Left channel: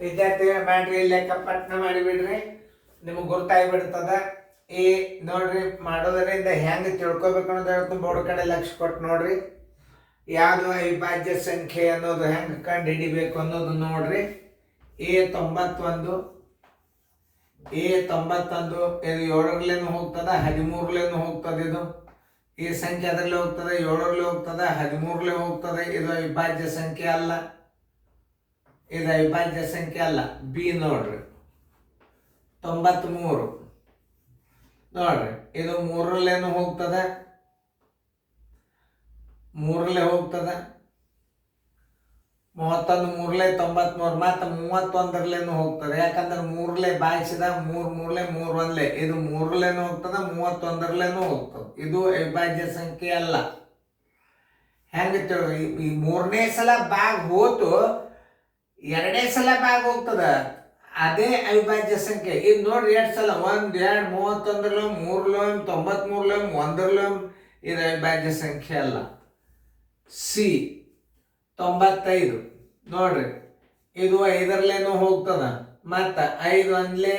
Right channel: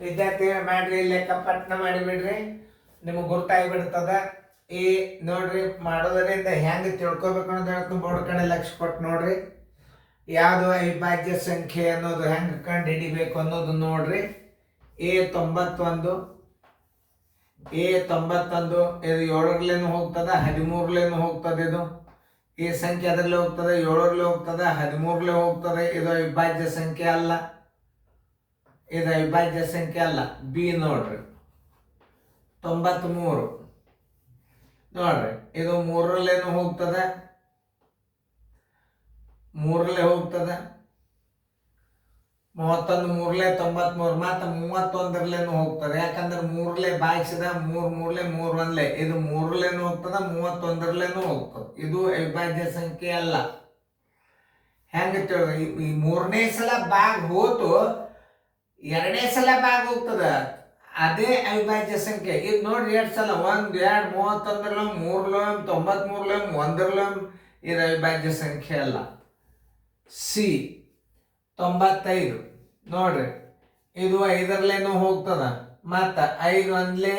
ವಿದ್ಯಾರ್ಥಿಗಳ ಮಾಡ್ರಿ, ಲೆಕ್ಕ ಪಟ್ನ ಮಾಡಿಬಿಡ್ರಿ, ನಿಮಗೆ ಗುರ್ತಾಗಿಬಿಡ್ತದ. ಈ ನೋಡ್ರಿ ಮಾಡೋದರಿಂದ ಹೆಂಗೆ ತಿಳ್ಕೊಬೇಕು ಅನ್ನೋದು ಬೋರ್ಡ್ ಕಡೆ ಲಕ್ಷ ಕೊಟ್ಟು ನೋಡ್ರಿ. ಯಾವುದು ಅವಿಭಾಜ್ಯ ಸಂಖ್ಯೆ ಅನ್ನೋದು ಹೆಂಗೆ ಕಂಡು ಹಿಡಿಬೇಕು ಅನ್ನೋದು ನೋಡ್ರಿ. A91 ಇದು 7ರಲ್ಲೇನು ಹೋಗ್ತದ, 13ಲೇನು ಹೋಗ್ತದೆ. ಇದು ಈ ಸಂಖ್ಯೆ ಅದರಲ್ಲಿ ಹೋಗ್ತದೆ, 7ರಲ್ಲಿ ಹೋಗ್ತದೆ, 13ರಲ್ಲಿ ಹೋಗ್ತದೆ. ಇದು ಅವಿಭಾಜ್ಯ ಸಂಖ್ಯೆ ಅಲ್ಲ, ಇದು ಅವಿಭಾಜ್ಯ ಸಂಖ್ಯೆ ಅಲ್ಲ. ಬಿ ನೋಡ್ರಿ 93 ನೋಡ್ರಿ, ಇದು 3ರಲ್ಲೇನು ಹೋಗ್ತದೆ, 3ರಲ್ಲೇ ಹೋಗ್ತದೆ. 31 3ಲೆ 93 ಮತ್ತು 31ರಲ್ಲೇನು ಹೋಗ್ತದೆ. ಯಾಕಂದ್ರೆ 3ಲೆ ಬಾಯಿಸಿದ 3 1ಲೆ ಇದು 3ರಲ್ಲೇನು ಹೋಗ್ತದೆ, 31ರಲ್ಲೇನು ಹೋಗ್ತದೆ. ಇದು ಅವಿಭಾಜ್ಯ ಸಂಖ್ಯೆ ಅಲ್ಲ. ಹೆಂಗೆ ಈ 3ನೇ ಸಲ ಬಾಗ್ ಹೋತು, 2ನೇ ಸಲ ಬಾಗ್ ಹೋಗ್ತದ, ಅದೇ ಅವಿಭಾಜ್ಯ ಸಂಖ್ಯೆ. ಇದು ನೋಡ್ರಿ 2 ಸಲ 1 2 31 3 93 1 ಇದು ಅವಿಭಾಜ್ಯ ಸಂಖ್ಯೆ ಅಲ್ಲ. ಸಿ 95 ನೋಡ್ರಿ, ಇದು 5ರಲ್ಲೇನು ಹೋಗ್ತದ, ಮತ್ತು 5 1ಲೆ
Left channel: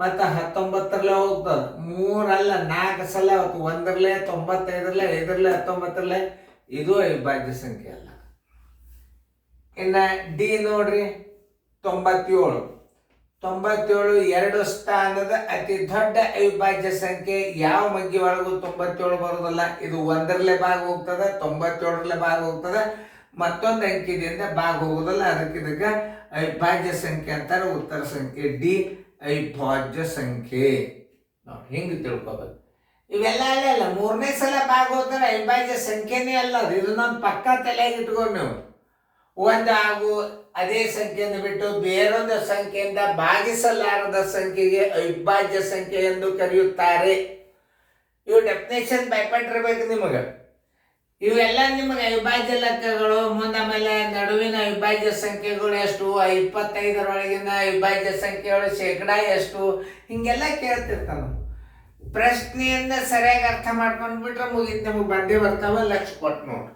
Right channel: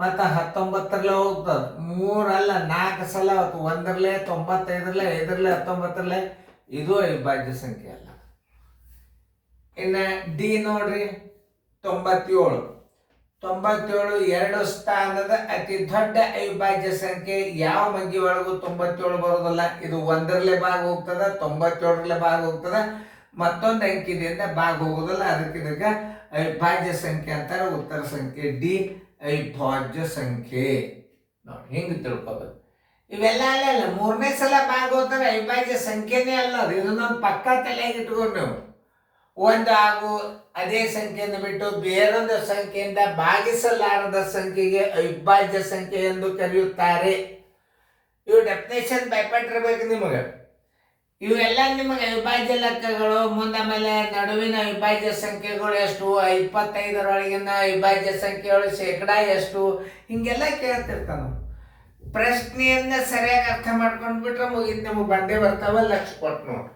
ಮತ್ತು 19ರಲ್ಲೇ ಹೋಗ್ತದ. 3 ಅಲ್ಲ 4 ಸಲ 1ರಲ್ಲೇ 95ರಲ್ಲೇ 5ರಲ್ಲೇ 19ರಲ್ಲೇ ಇದು ಅವಿಭಾಜ್ಯ ಸಂಖ್ಯೆ ಅಲ್ಲ. ಇನ್ನು ಡಿ ನೋಡ್ರಿ 97 2 ಸ್ಥಾನದ ಅತಿ ದೊಡ್ಡ ಅವಿಭಾಜ್ಯ ಸಂಖ್ಯೆ ಯಾವ ಮಗ್ಗಿ ಒಳಗೂ 97 ಬರೋದಿಲ್ಲ. ಇದು 1ರಲ್ಲೇ ಭಾಗ ಹೋಗ್ತದ, 97ರಲ್ಲೇ ಭಾಗ ಹೋಗ್ತದ, ಮತ್ತೊಂದು ಅಂಕಿದಿಂದ ಭಾಗ ಹೋಗೋದಿಲ್ಲ. ಇದಕ್ಕೆ ಅವಿಭಾಜ್ಯ ಸಂಖ್ಯೆ ಅಂತಾರೆ. ಉತ್ತರ ಸಂಖ್ಯೆ ಡಿ ಅವಿಭಾಜ್ಯ ಸಂಖ್ಯೆ. ನೋಡಿ ಹಿಂಗೆ ತಿಳ್ಕೊಬೇಕು. ಇವೆಲ್ಲ ಅಲ್ಲ 3ನೇ ಸಲ ಭಾಗ ಹೋಗ್ತಾರೆ, ಅವಿಭಾಜ್ಯ ಸಂಖ್ಯೆನೇ ಅಲ್ಲ. ಅದು ಇದನ್ನೊಂದು ಪಕ್ಕ ತಲೆಯಾಗಿ ಇಟ್ಕೊಂಡು ನೀವು ಒಂದು ಹಾಗೂ ಅದೇ ಸಂಖ್ಯೆಯನ್ನು ಬಿಟ್ಟು ಬೇರೊಂದು ಸಂಖ್ಯೆಯಿಂದ ಭಾಗಿಸಲಾರದ ಸಂಖ್ಯೆಗೆ ಅವಿಭಾಜ್ಯ ಸಂಖ್ಯೆ ಎಂದು ಕರೆಯುತ್ತಾರೆ. ಇವು ಡೆಫಿನೇಷನ್ ಭಯಪಟ್ಟಿರ್ಬೇಕು ನಿಮಗೆ. ಇವೆಲ್ಲ ನಿಮಗೆ ಅವಿಭಾಜ್ಯ ಲೆಕ್ಕಗಳು. ಮುಂದೆ ಆಮೇಲೆ ನಡುವಿನ ಅವಿಭಾಜ್ಯ ಸಂಖ್ಯೆಗಳು ಎಷ್ಟು, 25ರೊಳಗಿನ ಅವಿಭಾಜ್ಯ ಸಂಖ್ಯೆಗಳು ಶೇಕಡ ಎಷ್ಟು, ಹಿಂಗೆಲ್ಲ ಕೇಳ್ತಿರ್ತಾನೆ. ಪ್ರಶ್ನೆಯನ್ನ ಸರಿಯಾಗಿ ಅರ್ಥ ಮಾಡ್ಕೊಂಡು ಬಿಟ್ರೆ ಮುಗಿದು ನಿಮಗೆ ಬಂದೇ ಬರ್ತಾವ. ಲಕ್ಷ ಕೊಟ್ಟು ನೋಡಿ.